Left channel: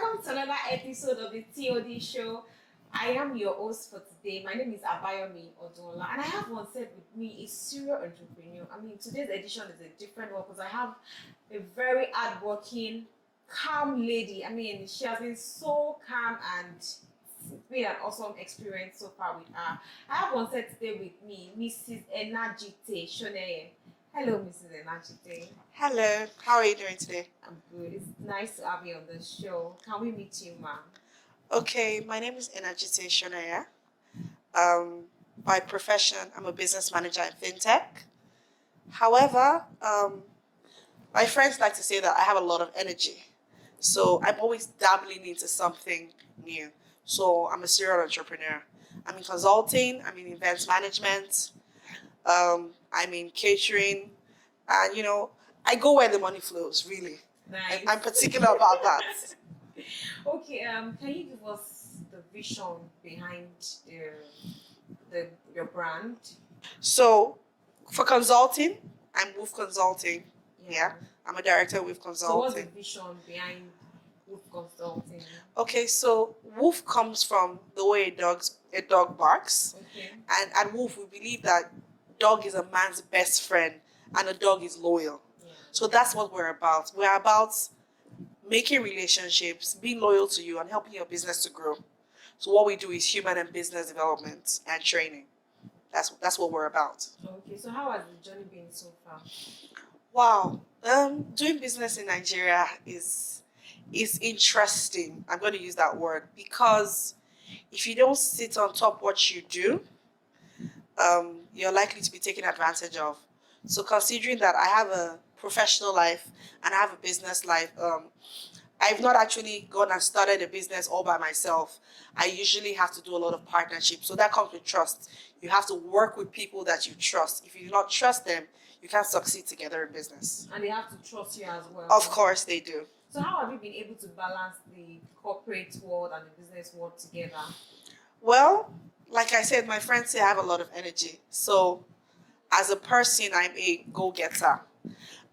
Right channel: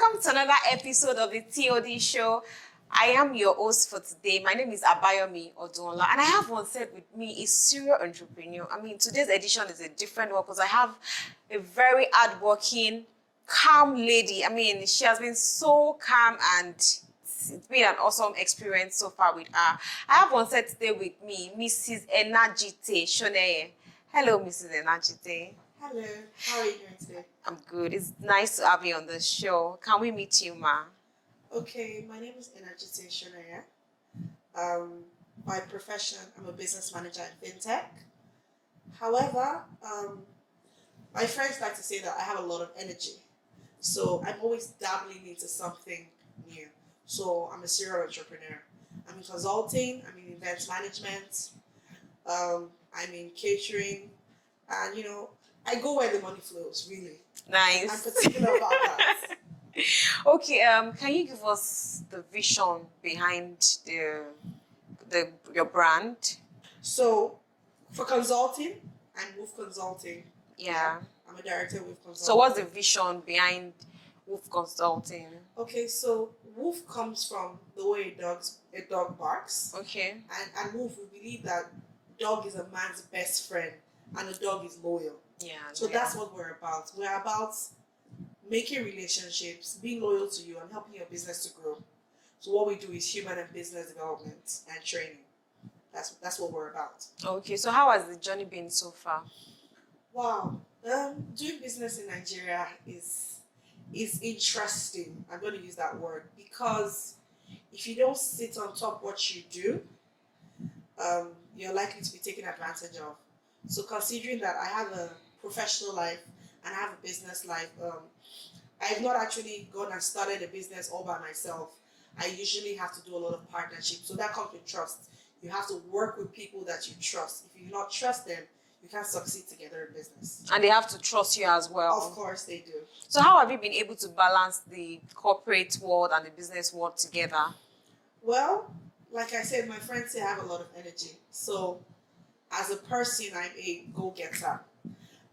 Welcome to another episode of the TOD show. I am your host for today. My name is Abayomi Odunla, and I have one set with me, a serial entrepreneur. Today's edition is a different one because I have a very hardworking, calm lady. She has been so calm and it's been an awesome experience so far with her. I have one set today with me, Mrs. Enajite Soneye. Hello, Mrs. Enajite. Hello, how are you doing today? I'm good. It's nice to have you on the show. Can we meet you, ma? Okay, my name is Enajite Soneye. By profession, I'm a business manager in fintech. However, my friends like to say that I have a lot of energy. So I'm always dabbling into something new. So I'm a serial entrepreneur. I'm in consulting, I'm in events management, I'm in catering, and I go where the money flows, really. Nice. I'm particular about that. Okay, can you give us the vision behind your brand? So, for consulting, I'm Woof Consulting. Yeah. I'm a director of Woof Consulting. So what's the vision behind Woof Consulting? Okay, so Woof comes from the way a dog barks. Okay. And at Woof, we believe that dog is a man's best friend and a dog is loyal. Yeah. So that's what we're about. We're about making relationships, being loyal to you, and helping your business to grow. So what we do is human and business development and training. That's what we're about. Okay, so how has the journey been so far? Wow. Doing business in Nigeria is interesting. I'm going to use that word because if you don't sit on top what you do, you're likely to be taken advantage of. So considering that I have a professional life and I have a business life, I've not actually gone and started a business all by myself. I usually have to do a lot of partnerships. So that comes with trust. You have to work with people that you trust. If you do not trust them, you can't succeed together in business. And they have to trust you as well. Of course they do. So how have you been able to balance the corporate world and the business world together? Well, like I said, my friends say I have a lot of energy. So as a person, I'm a go-getter.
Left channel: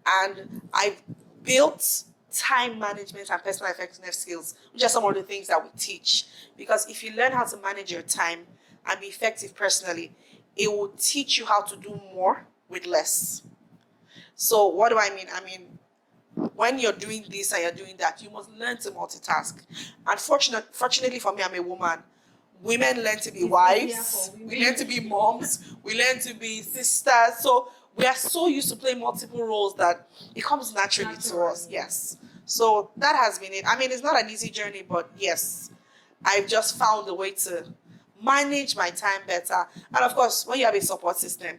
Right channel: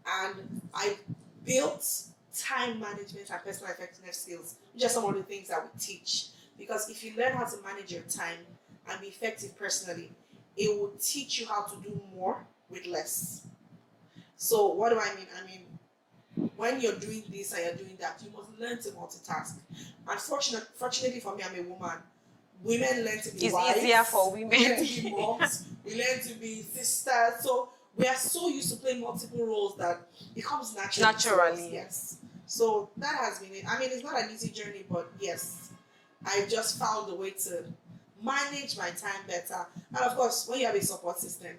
And I've built time management and personal effectiveness skills, which are some of the things that we teach. Because if you learn how to manage your time and be effective personally, it will teach you how to do more with less. So what do I mean? When you're doing this and you're doing that, you must learn to multitask. And fortunately for me, I'm a woman. Women learn to be wives. Easier for women. We learn to be moms. We learn to be sisters. So we are so used to playing multiple roles that it comes naturally to us. Yes. So that has been it. It's not an easy journey, but yes, I've just found a way to manage my time better. And of course, when you have a support system,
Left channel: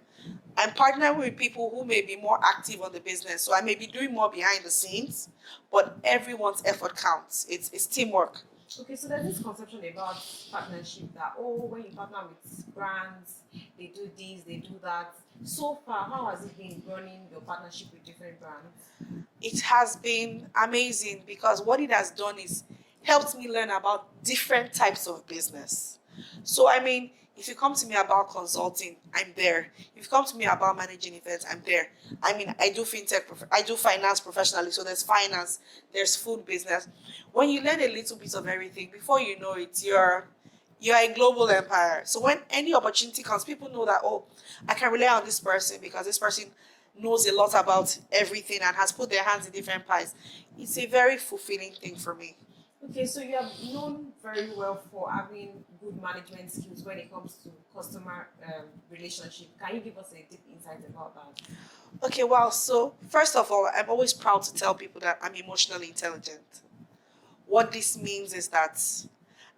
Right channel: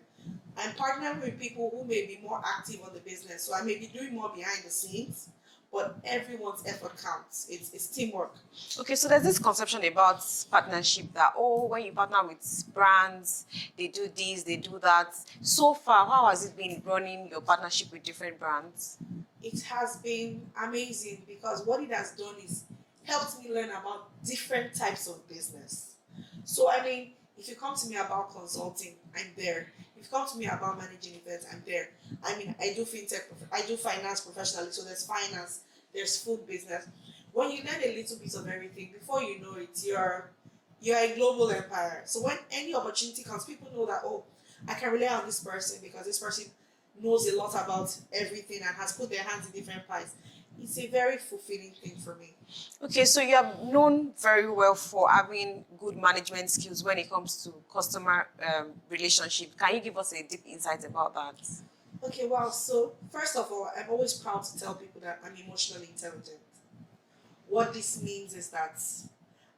I'm partnering with people who may be more active on the business. So I may be doing more behind the scenes, but everyone's effort counts. It's teamwork. Okay, so there's this conception about partnership that, when you partner with brands, they do this, they do that. So far, how has it been running your partnership with different brands? It has been amazing because what it has done is helped me learn about different types of business. So, if you come to me about consulting, I'm there. If you come to me about managing events, I'm there. I do fintech, I do finance professionally. So there's finance, there's food business. When you learn a little bit of everything, before you know it, you're a global empire. So when any opportunity comes, people know that, I can rely on this person because this person knows a lot about everything and has put their hands in different pies. It's a very fulfilling thing for me. Okay, so you are known very well for having good management skills when it comes to customer relationship. Can you give us a deep insight about that? Okay, wow. So first of all, I'm always proud to tell people that I'm emotionally intelligent. What this means is that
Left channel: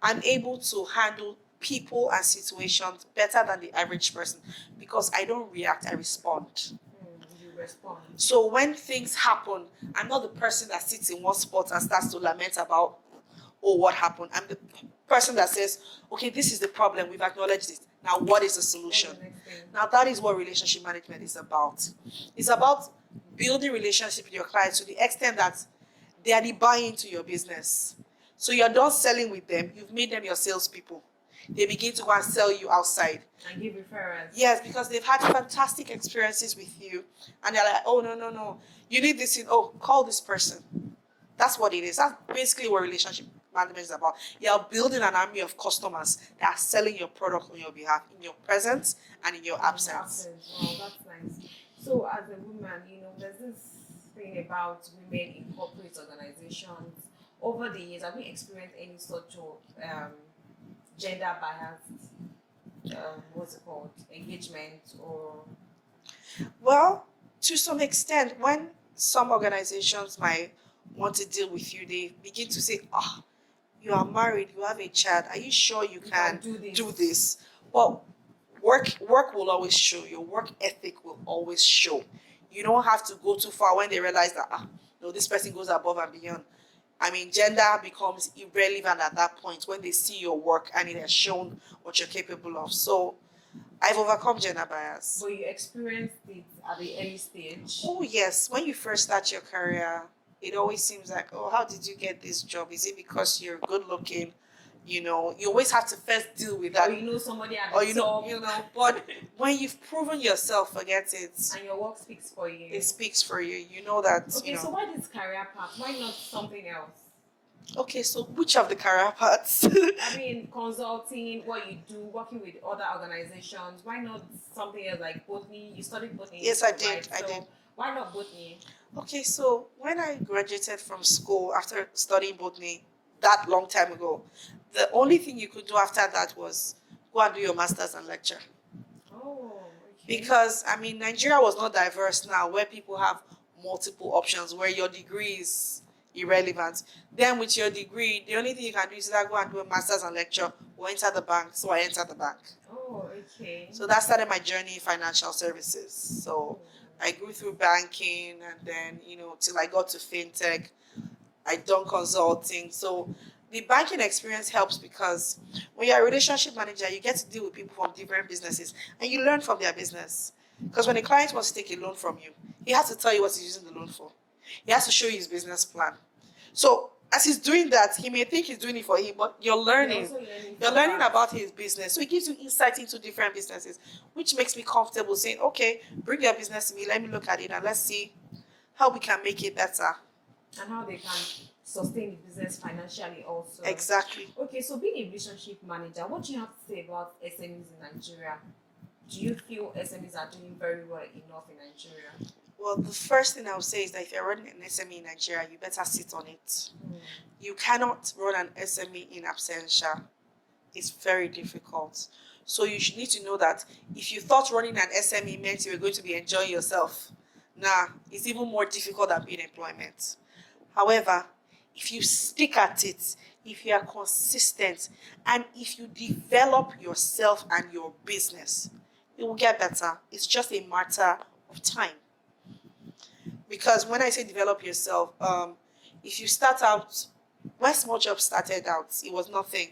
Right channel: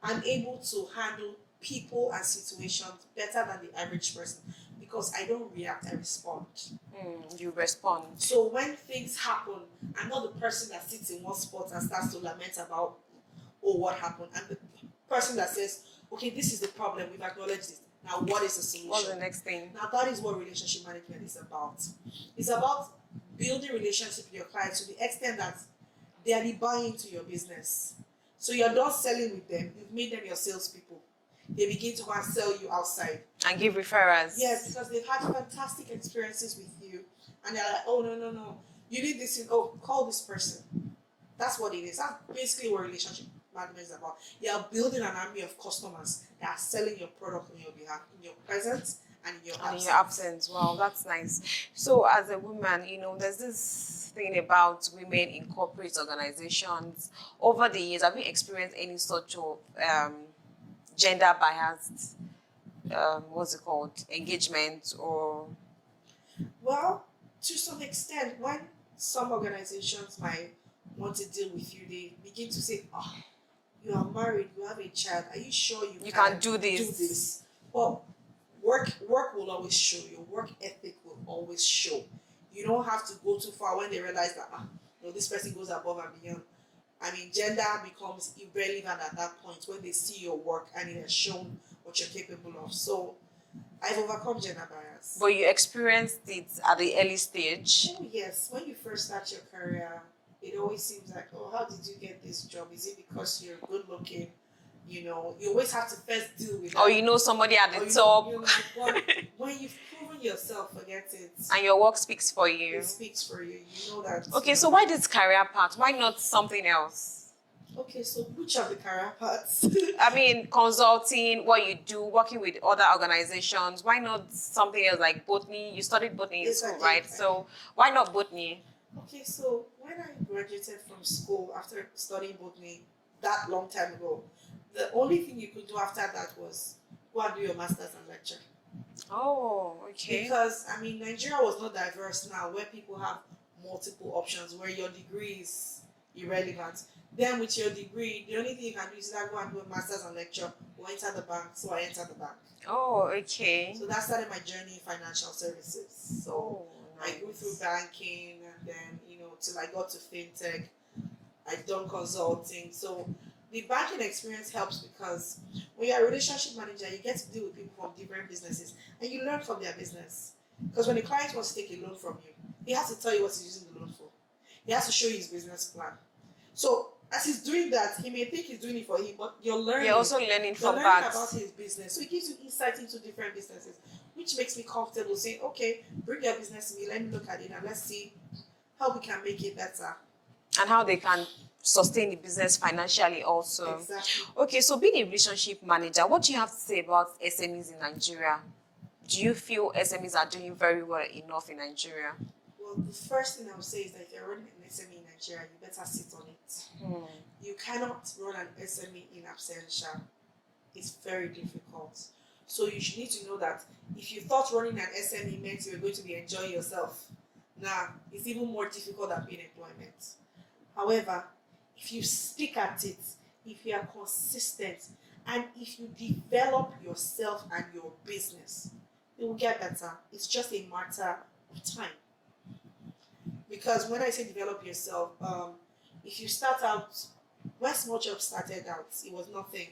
I'm able to handle people and situations better than the average person because I don't react, I respond. You respond. So when things happen, I'm not the person that sits in one spot and starts to lament about, what happened. I'm the person that says, okay, this is the problem. We've acknowledged it. Now, what is the solution? What's the next thing? Now, that is what relationship management is about. It's about building relationship with your clients to the extent that they are the buy into your business. So you're done selling with them. You've made them your salespeople. They begin to go and sell you outside. And give referrals. Yes, because they've had fantastic experiences with you. And they're like, no. You need this call this person. That's what it is. That's basically what relationship management is about. You're building an army of customers that are selling your product on your behalf in your presence and in your And in absence. your absence. Wow, that's nice. So as a woman, there's this thing about women in corporate organizations. Over the years, have you experienced any sort of gender biased what's it called? Engagement or Well, to some extent, when some organizations might want to deal with you, they begin to say, "Ah, you are married, you have a child. Are you sure you can do this?" Do this?" Well, work will always show. Your work ethic will always show. You don't have to go too far when they realize that no, this person goes above and beyond. I mean, gender becomes irrelevant at that point when they see your work and it has shown what you're capable of. So I've overcome gender bias. but you experienced it at the early stage. Oh yes, when you first start your career, it always seems like, oh, how did you get this job? Is it because you're good looking? You always have to first deal with that. Or somebody at the top. But when you've proven yourself, forget it. And your work speaks for you. It speaks for you. You know that. Okay, so why this career path? Why not something else? Okay, so which of the career paths? I mean, consulting, what you do, working with other organizations. Why not something else like Botany? You studied Botany in Yes, school, I did. right? I So did. why not Botany? Okay, so when I graduated from school after studying Botany that long time ago, the only thing you could do after that was go and do your master's and lecture. Oh, okay. Because, I mean, Nigeria was not diverse now where people have multiple options, where your degree is irrelevant. Then with your degree, the only thing you can do is either go and do a master's and lecture or enter the bank. So I entered the bank. Oh, okay. So that started my journey in financial services. So I grew through banking and then, till I got to fintech. I done consulting. So the banking experience helps because when you're a relationship manager, you get to deal with people from different businesses and you learn from their business. Because when a client wants to take a loan from you, he has to tell you what he's using the loan for. He has to show you his business plan. So as he's doing that, he may think he's doing it for him, but you're learning. You're also learning You're from learning that. about his business. So it gives you insight into different businesses, which makes me comfortable saying, okay, bring your business to me, let me look at it and let's see how we can make it better. And how they can sustain the business financially also. Exactly. Okay, so being a relationship manager, what do you have to say about SMEs in Nigeria? Do you feel SMEs are doing very well enough in Nigeria? Well, the first thing I would say is that if you're running an SME in Nigeria, you better sit on it. You cannot run an SME in absentia. It's very difficult. So you should need to know that if you thought running an SME meant you were going to be enjoying yourself, it's even more difficult than being employment. However, if you stick at it, if you are consistent, and if you develop yourself and your business, it will get better. It's just a matter of time. Because when I say develop yourself, if you start out, when Small Job started out, it was nothing.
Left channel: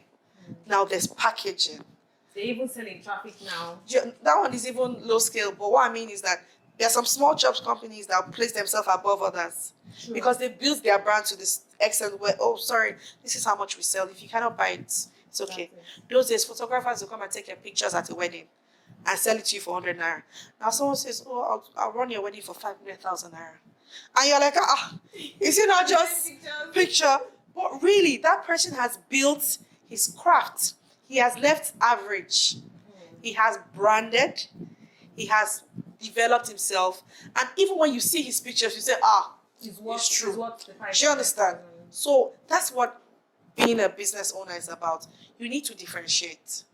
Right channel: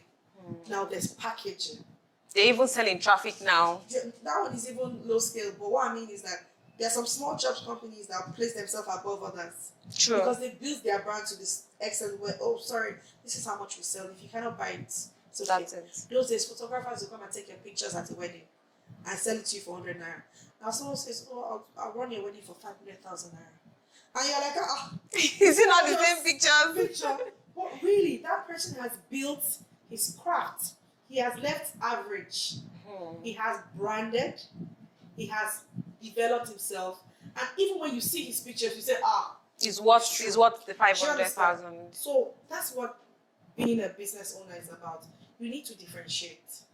Now there's packaging. They're even selling traffic now. That one is even low scale, but what I mean is that there are some small jobs companies that place themselves above others. True. Because they build their brand to this extent where, oh, sorry, this is how much we sell. If you cannot buy it, it's okay. That's it. Those days, photographers will come and take your pictures at a wedding and sell it to you for 100 naira. Now someone says, oh, I'll run your wedding for 500,000 naira. And you're like, is it not just picture? But really, that person has built his craft. He has left average. He has branded. He has developed himself. And even when you see his pictures, you say, Is what the 500,000. So that's what being a business owner is about. You need to differentiate.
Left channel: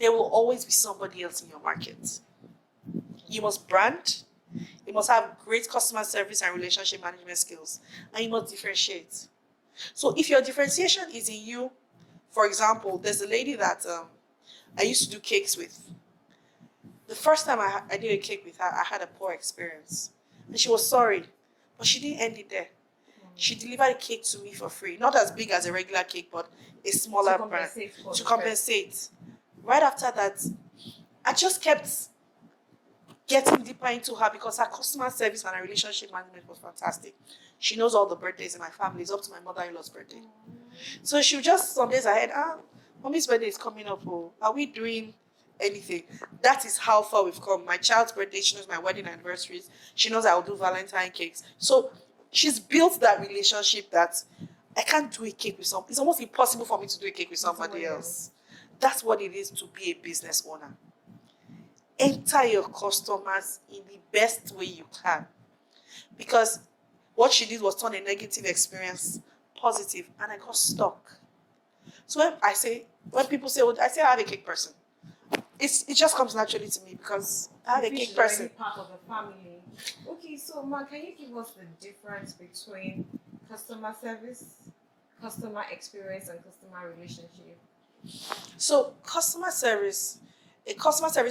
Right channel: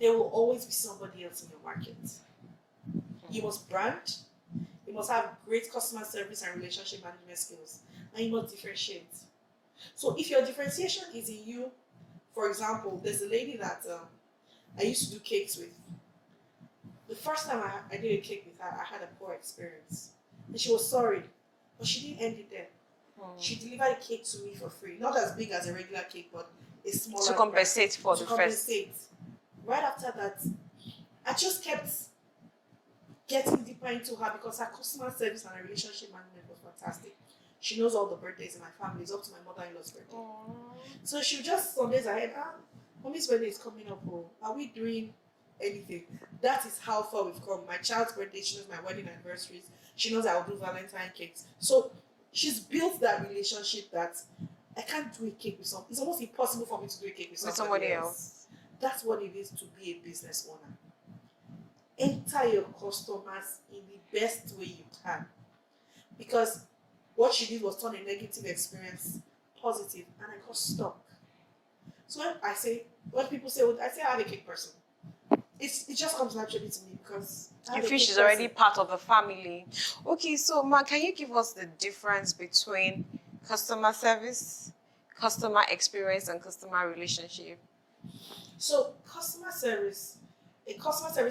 There will always be somebody else in your market. You must brand. You must have great customer service and relationship management skills. And you must differentiate. So if your differentiation is in you, for example, there's a lady that I used to do cakes with. The first time I did a cake with her, I had a poor experience. And she was sorry. But she didn't end it there. She delivered a cake to me for free. Not as big as a regular cake, but a smaller to compensate brand. To compensate. Right after that, I just kept getting deeper into her because her customer service and her relationship management was fantastic. She knows all the birthdays in my family. It's up to my mother-in-law's birthday. So she just, some days ahead, mommy's birthday is coming up. Are we doing anything? That is how far we've come. My child's birthday, she knows my wedding anniversaries. She knows I'll do Valentine cakes. So she's built that relationship that I can't do a cake with someone. It's almost impossible for me to do a cake with somebody else. That's what it is to be a business owner. Enter your customers in the best way you can. Because what she did was turn a negative experience positive, and I got stuck. So when people say, I say I have a cake person. It just comes naturally to me because I have You a feel cake she's person. already part of the family. Okay, so Ma, can you give us the difference between customer service, customer experience, and customer relationship? So a customer service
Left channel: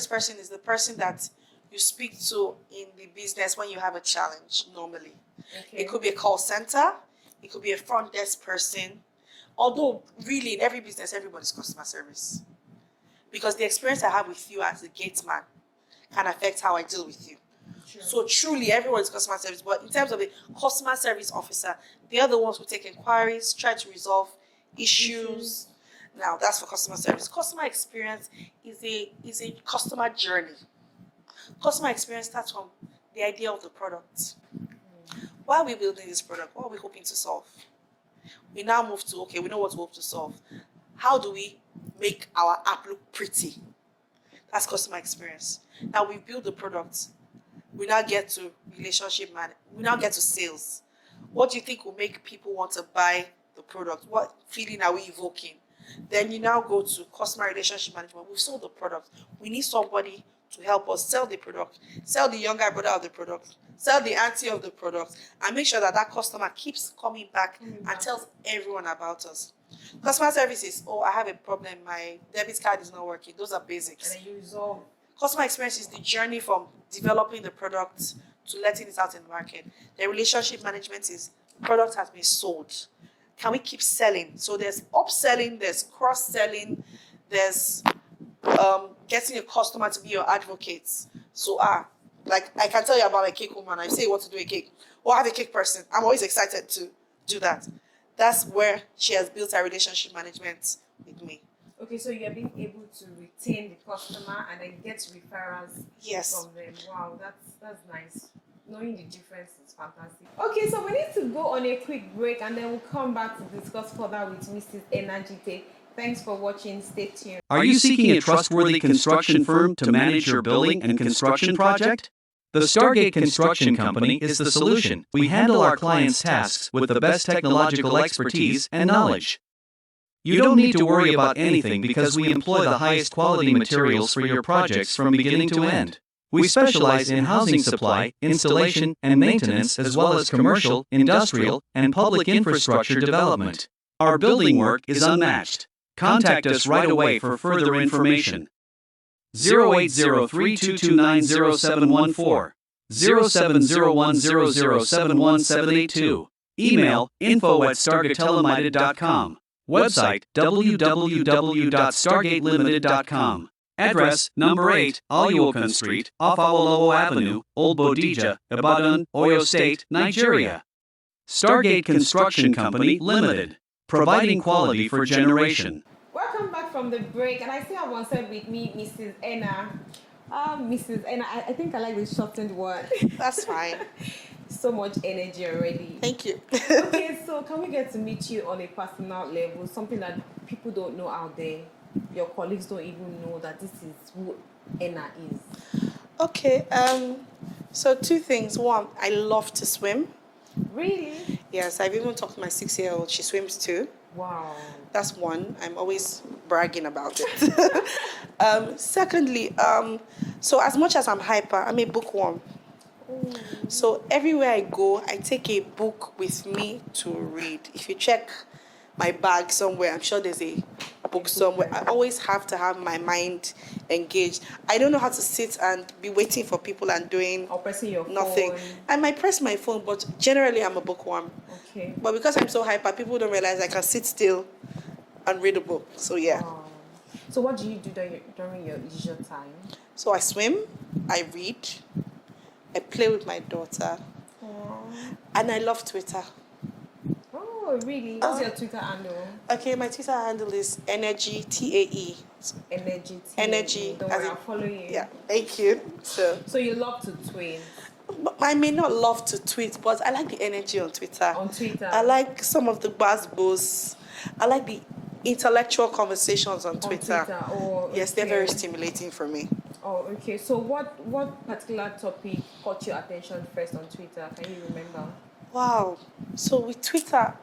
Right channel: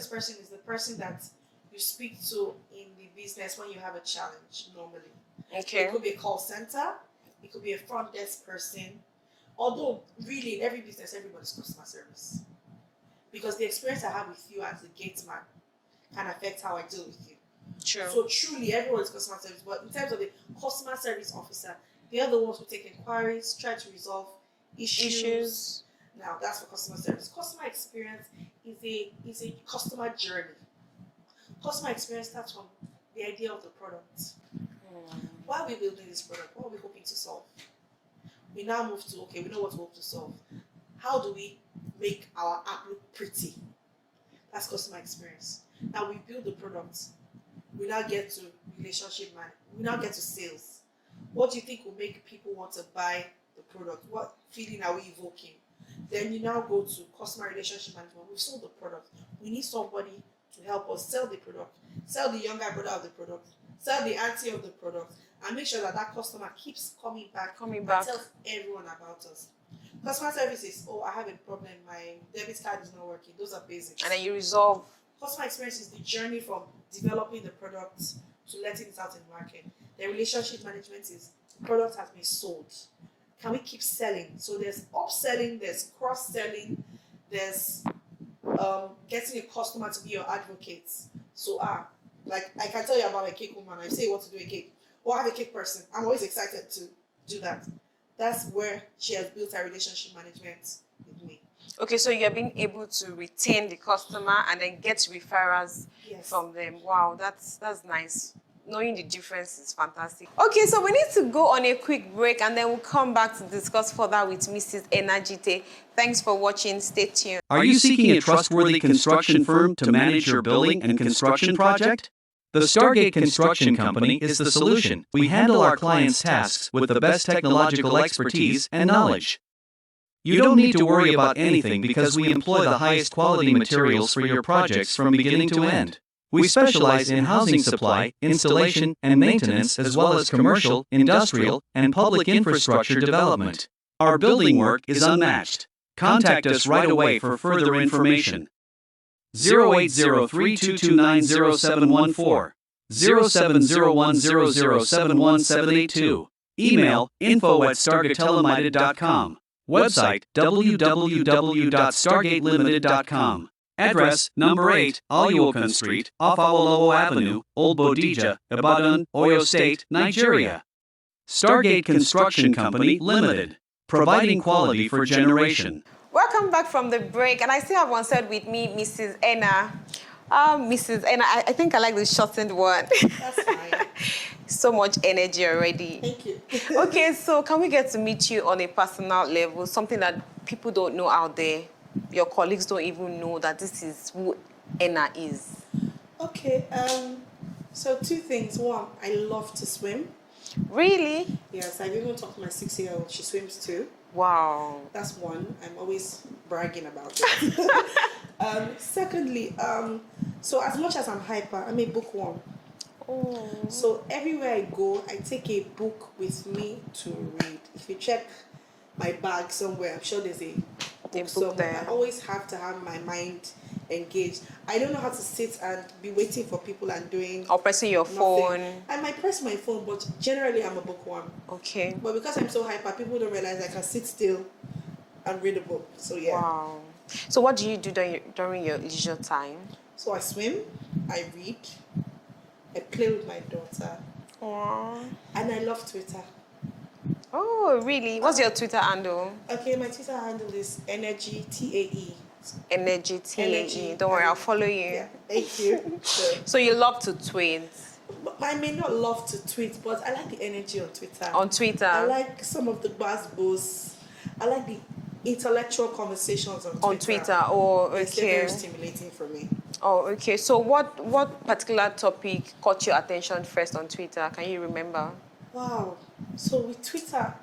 person is the person that you speak to in the business when you have a challenge normally. Okay. It could be a call center, it could be a front desk person. Although really in every business, everybody's customer service. Because the experience I have with you as a gate man can affect how I deal with you. True. So truly everyone's customer service. But in terms of a customer service officer, they are the ones who take inquiries, try to resolve issues. Now that's for customer service. Customer experience is a customer journey. Customer experience starts from the idea of the product. Why are we building this product? What are we hoping to solve? We now move to, okay, we know what we hope to solve. How do we make our app look pretty? That's customer experience. Now we build the product. We now get to relationship management. We now get to sales. What do you think will make people want to buy the product? What feeling are we evoking? Then you now go to customer relationship management. We've sold the product. We need somebody to help us sell the product, sell the younger brother of the product, sell the auntie of the product, and make sure that that customer keeps coming back and tells everyone about us. Customer service is, I have a problem. My debit card is not working. Those are basics. And then you resolve. Customer experience is the journey from developing the product to letting it out in the market. The relationship management is the product has been sold. Can we keep selling? So there's upselling, there's cross-selling, there's getting a customer to be your advocate. So like I can tell you about a cake woman. I say what to do a cake. Or I have a cake person. I'm always excited to do that. That's where she has built her relationship management with me. Okay, so you're being able to retain the customer and then get referrals from them. Wow, that's nice. Knowing the difference is fantastic. Okay, so we need to go on a quick break and then we'll come back to discuss further with Mrs. Enajite. Thanks for watching. Stay tuned. Are you seeking a trustworthy construction firm to manage your building and construction project? The Stargate Construction Company is the solution. We handle our clients' tasks with the best technological expertise and knowledge. You don't need to worry about anything because we employ the highest quality materials for your projects from beginning to end. We specialize in housing supply, installation, and maintenance as well as commercial, industrial, and public infrastructure development. Our building work is unmatched. Contact us right away for further information. 080322907114, 0701007178. Email info@stargatelemida.com. Website www.stargatelimited.com. Address number 8, Aluokan Street, off Awolowo Avenue, Old Bodija, Ibadan, Oyo State, Nigeria. Stargate Construction Company Limited, providing quality for generation. Welcome back from the break, and I still have one side with me, Mrs. Enna. Mrs. Enna, I think I like the shortened one. That's fine. So much energy already. Thank you. Okay, so can we get to meet you on a personal level, something that people don't know out there? Your colleagues don't even know that this is who Enna is. Okay, so 2 things. One, I love to swim. Really? Yes, I've even talked to my 6-year-old. She swims too. Wow. That's one. I'm always bragging about it. Secondly, so as much as I'm hyper, I'm a bookworm. Oh. So everywhere I go, I take a book with me to read. If you check my bag somewhere, I'm sure there's a book somewhere. there. I always have to have my mind engaged. I don't know how to sit and be waiting for people and doing Or pressing your nothing. phone. I might press my phone, but generally I'm a bookworm. Okay. But because I'm so hyper, people don't realize I can sit still and read a book. So yeah. Wow. So what do you do during your leisure time? So I swim, I read, I play with my daughter, and I love Twitter. Oh, really? What's your Twitter handle? Okay, my Twitter handle is Energy TAE. Energy. Energy. Don't worry, I'll follow you. Yeah, thank you. So you love to tweet. I may not love to tweet, but I like the energy on Twitter. On Twitter. I like some of the buzz. I like the intellectual conversations on Twitter. On Twitter. Oh, okay. Yes, they're very stimulating for me. Oh, okay. So what particular topic caught your attention first on Twitter? Can you remember? Wow. So with Twitter,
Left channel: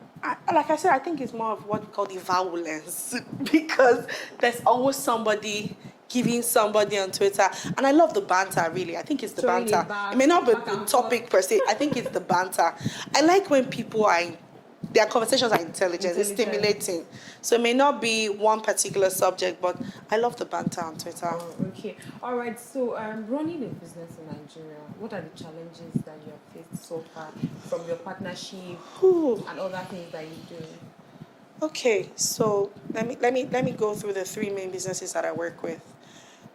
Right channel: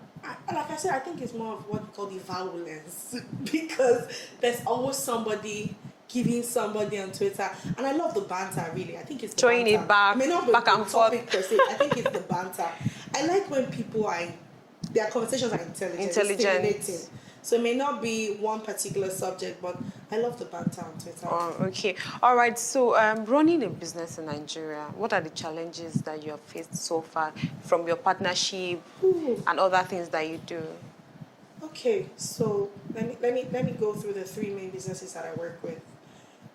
like I said, I think it's more of what we call the violence because there's always somebody giving somebody on Twitter. And I love the banter, really. I think it's the Throwing banter. it back, It may not be back the and topic per se. I think it's the banter. I like when people are, their conversations are intelligent. It's stimulating. So it may not be one particular subject, but I love the banter on Twitter. Oh, okay. All right. So running a business in Nigeria, what are the challenges that you have faced so far from your partnership and other things that you do? Okay, so let me go through the three main businesses that I work with.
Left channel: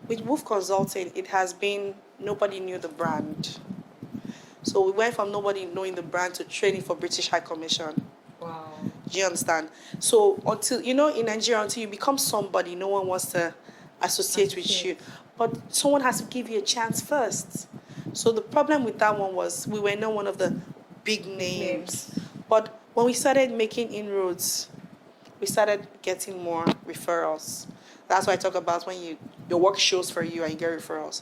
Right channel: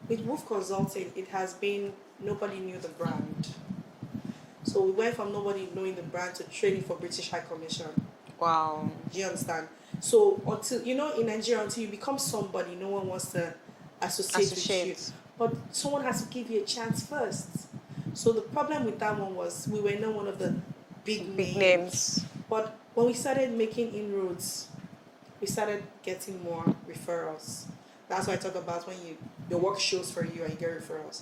With Woof Consulting, it has been nobody knew the brand. So we went from nobody knowing the brand to training for British High Commission. Wow. Do you understand? So until, in Nigeria, until you become somebody, no one wants to associate with you. But someone has to give you a chance first. So the problem with that one was we were not one of the big names. But when we started making inroads, we started getting more referrals. That's why I talk about when your work shows for you and you get referrals.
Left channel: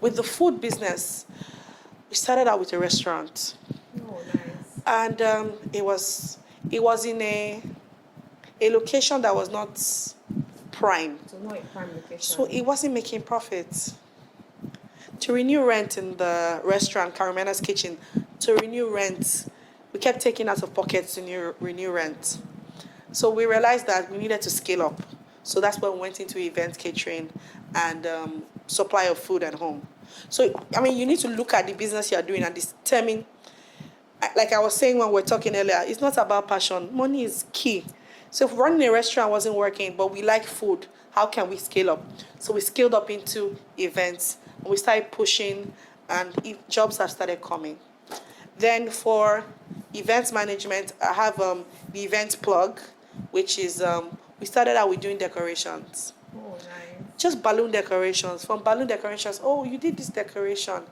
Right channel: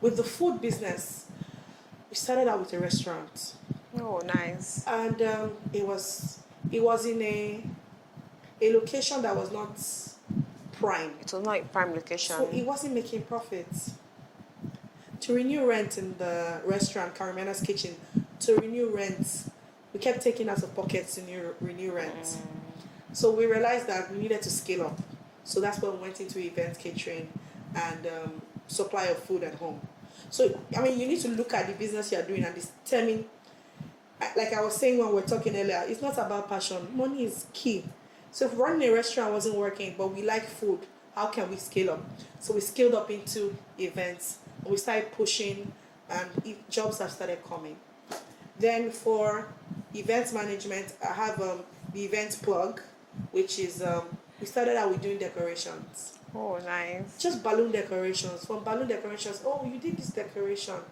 With the food business, we started out with a restaurant. Oh, nice. And it was in a location that was not prime. It was not a prime location. So it wasn't making profits. To renew rent in the restaurant, Carimena's Kitchen, to renew rent, we kept taking out of pockets to renew rent. So we realized that we needed to scale up. So that's when we went into event catering and supply of food at home. So, I mean, you need to look at the business you're doing and determine, like I was saying when we were talking earlier, it's not about passion. Money is key. So if running a restaurant wasn't working, but we like food, how can we scale up? So we scaled up into events, and we started pushing, and jobs have started coming. Then for events management, I have the event plug, which is, we started out with doing decorations. Oh, nice. Just balloon decorations. From balloon decorations, oh, you did this decoration.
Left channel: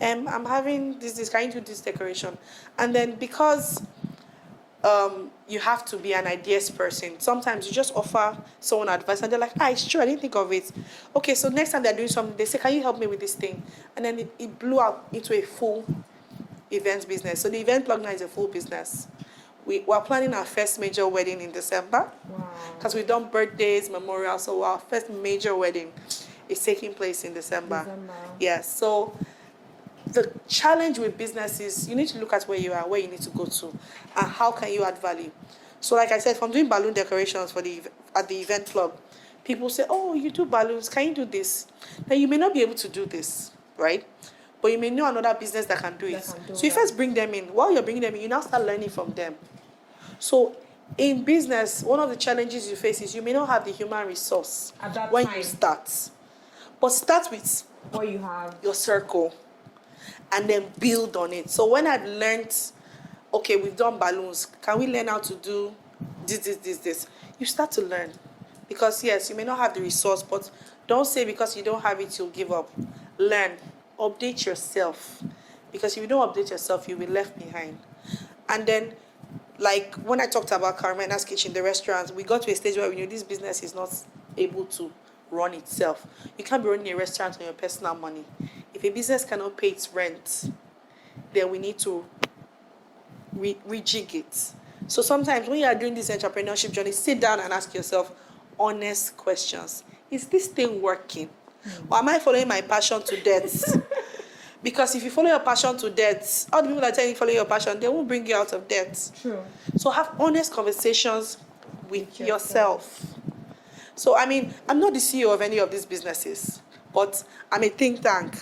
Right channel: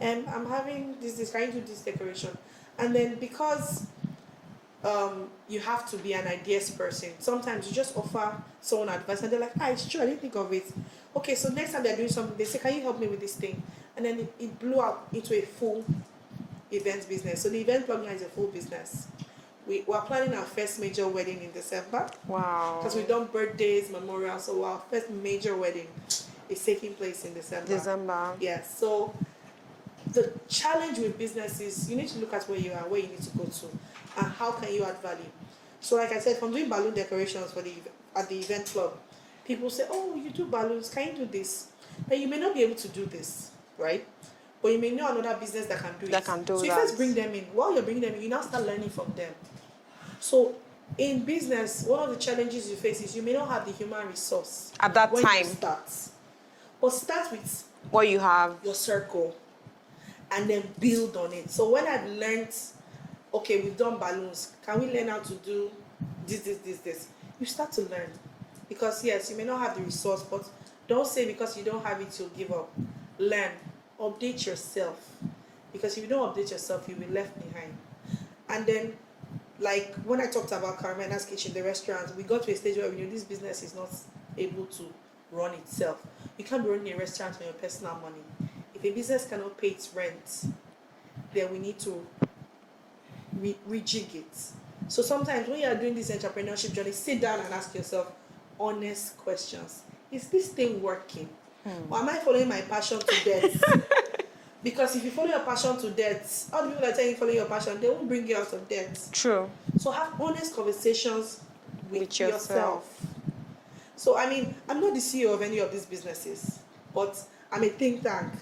I'm having this, can you do this decoration? And then because you have to be an ideas person, sometimes you just offer someone advice and they're like, it's true, I didn't think of it. Okay, so next time they're doing something, they say, can you help me with this thing? And then it blew out into a full event business. So the event plug now is a full business. We're planning our first major wedding in December. Wow. Because we've done birthdays, memorials, so our first major wedding is taking place in December. Yes, so the challenge with business is you need to look at where you are, where you need to go to, and how can you add value. So like I said, from doing balloon decorations at the event club, people say, oh, you do balloons, can you do this? Now you may not be able to do this, right? But you may know another business that can do it. So you first bring them in. While you're bringing them in, you now start learning from them. So in business, one of the challenges you face is you may not have the human resource at that when time. You start. But start with what you have, your circle, and then build on it. So when I've learned, okay, we've done balloons, can we learn how to do this? You start to learn. Because yes, you may not have the resource, but don't say because you don't have it, you'll give up. Learn. Update yourself. Because if you don't update yourself, you'll be left behind. And then, like when I talked about Carimena's Kitchen, the restaurant, we got to a stage where we knew this business is not able to run itself. You can't be running a restaurant on your personal money. If a business cannot pay its rent, then we need to rejig it. So sometimes when you are doing this entrepreneurship journey, sit down and ask yourself honest questions. Is this thing working? Or am I following my passion to death? Because if you follow your passion to death, all the people that tell you to follow your passion, they won't bring you out of debt. True. So have honest conversations with yourself. So, I mean, I'm not the CEO of any of these businesses, but I'm a think tank.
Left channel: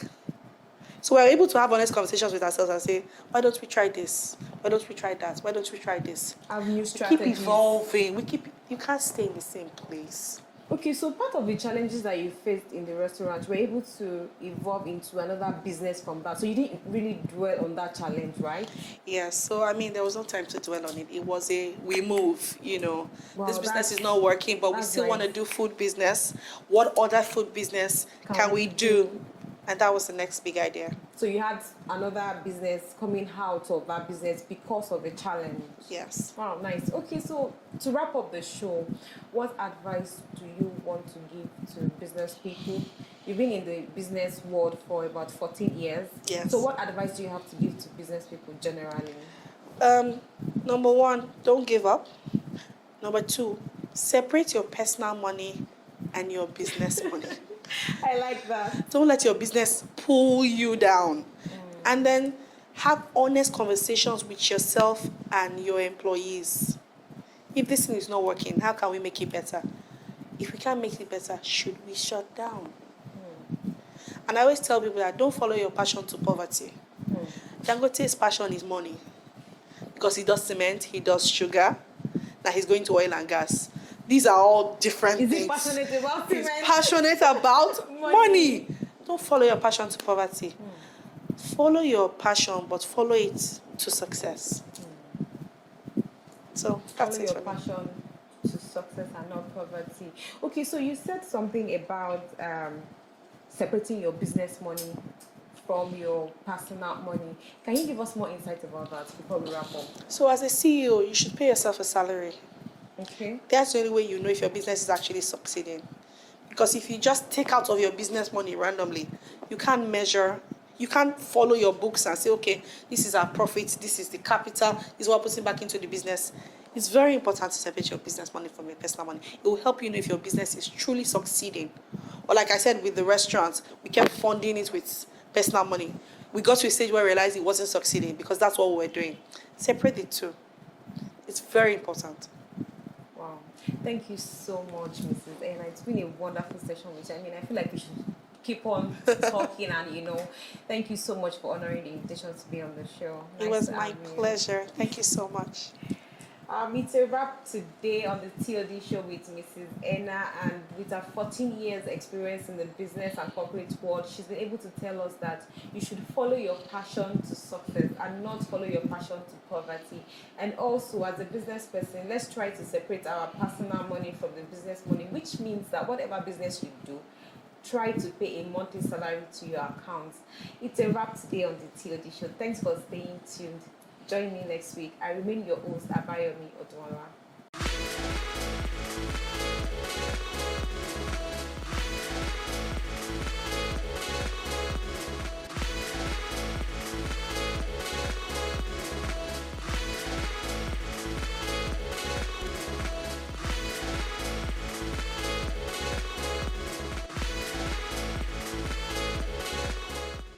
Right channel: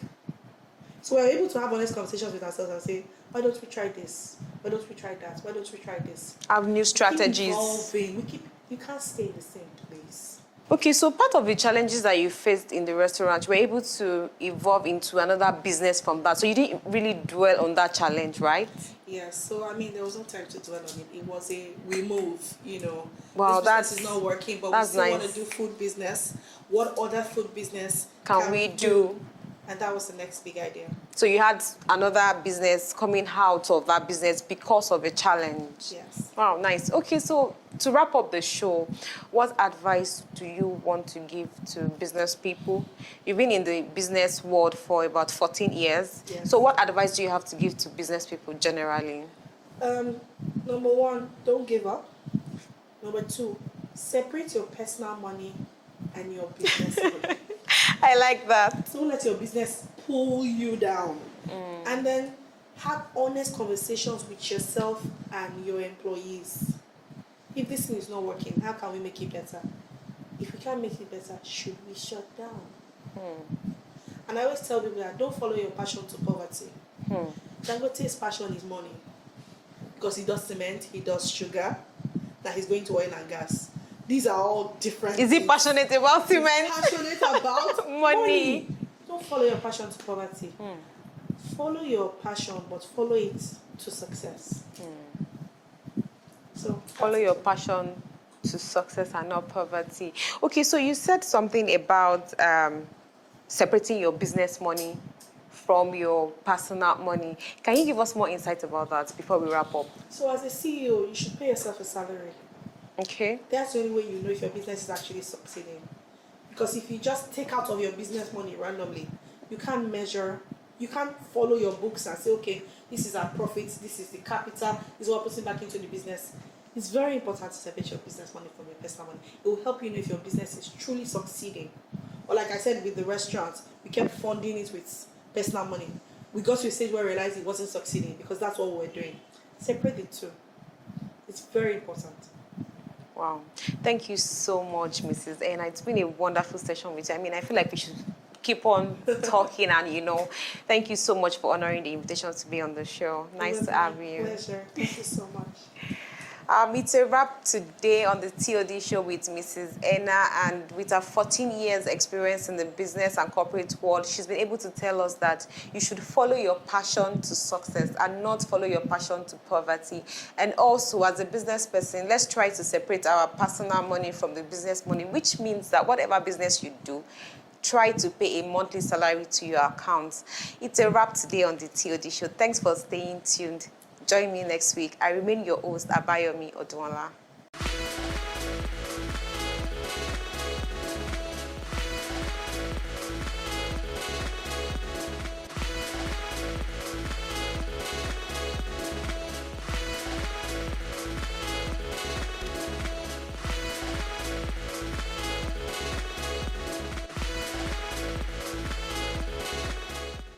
So we're able to have honest conversations with ourselves and say, why don't we try this? Why don't we try that? Why don't we try this? Have new strategies. Keep evolving. You can't stay in the same place. Okay, so part of the challenges that you faced in the restaurant, you were able to evolve into another business from that. So you didn't really dwell on that challenge, right? Yeah, so I mean, there was no time to dwell on it. It was we move, Wow, this business is not working, but we still want to do food business. What other food business can we do? And that was the next big idea. So you had another business coming out of that business because of a challenge. Yes. Wow, nice. Okay, so to wrap up the show, what advice do you want to give to business people? You've been in the business world for about 14 years. Yes. So what advice do you have to give to business people generally? Number one, don't give up. Number two, separate your personal money and your business money. I like that. Don't let your business pull you down. And then have honest conversations with yourself and your employees. If this thing is not working, how can we make it better? If we can't make it better, should we shut down? And I always tell people that don't follow your passion to poverty. Dangote's passion is money. Because he does cement, he does sugar, now he's going to oil and gas. These are all different Is things. he passionate about He's cement? passionate about money. Don't follow your passion to poverty. Follow your passion, but follow it to success. So Follow your passion to success and not poverty. Okay, so you said something about separating your business money from your personal money. Can you give us more insight about that before we wrap up? So as a CEO, you should pay yourself a salary. Okay. That's the only way you know if your business is actually succeeding. Because if you just take out of your business money randomly, you can't measure, you can't follow your books and say, okay, this is our profit, this is the capital, this is what we're putting back into the business. It's very important to separate your business money from your personal money. It will help you know if your business is truly succeeding. Or like I said with the restaurants, we kept funding it with personal money. We got to a stage where we realized it wasn't succeeding because that's what we were doing. Separate the two. It's very important. Wow. Thank you so much, Mrs. Ena. It's been a wonderful session with you. I mean, I feel like we should keep on talking and, thank you so much for honoring the invitation to be on the show. Nice to have you. It was my pleasure. Thank you so much. It's a wrap today on the TOD show with Mrs. Ena, and with her 14 years experience in the business and corporate world, she's been able to tell us that you should follow your passion to success and not follow your passion to poverty. And also, as a business person, let's try to separate our personal money from the business money, which means that whatever business you do, try to pay a monthly salary to your accounts. It's a wrap today on the TOD show. Thanks for staying tuned. Join me next week. I remain your host, Abayomi Odunola.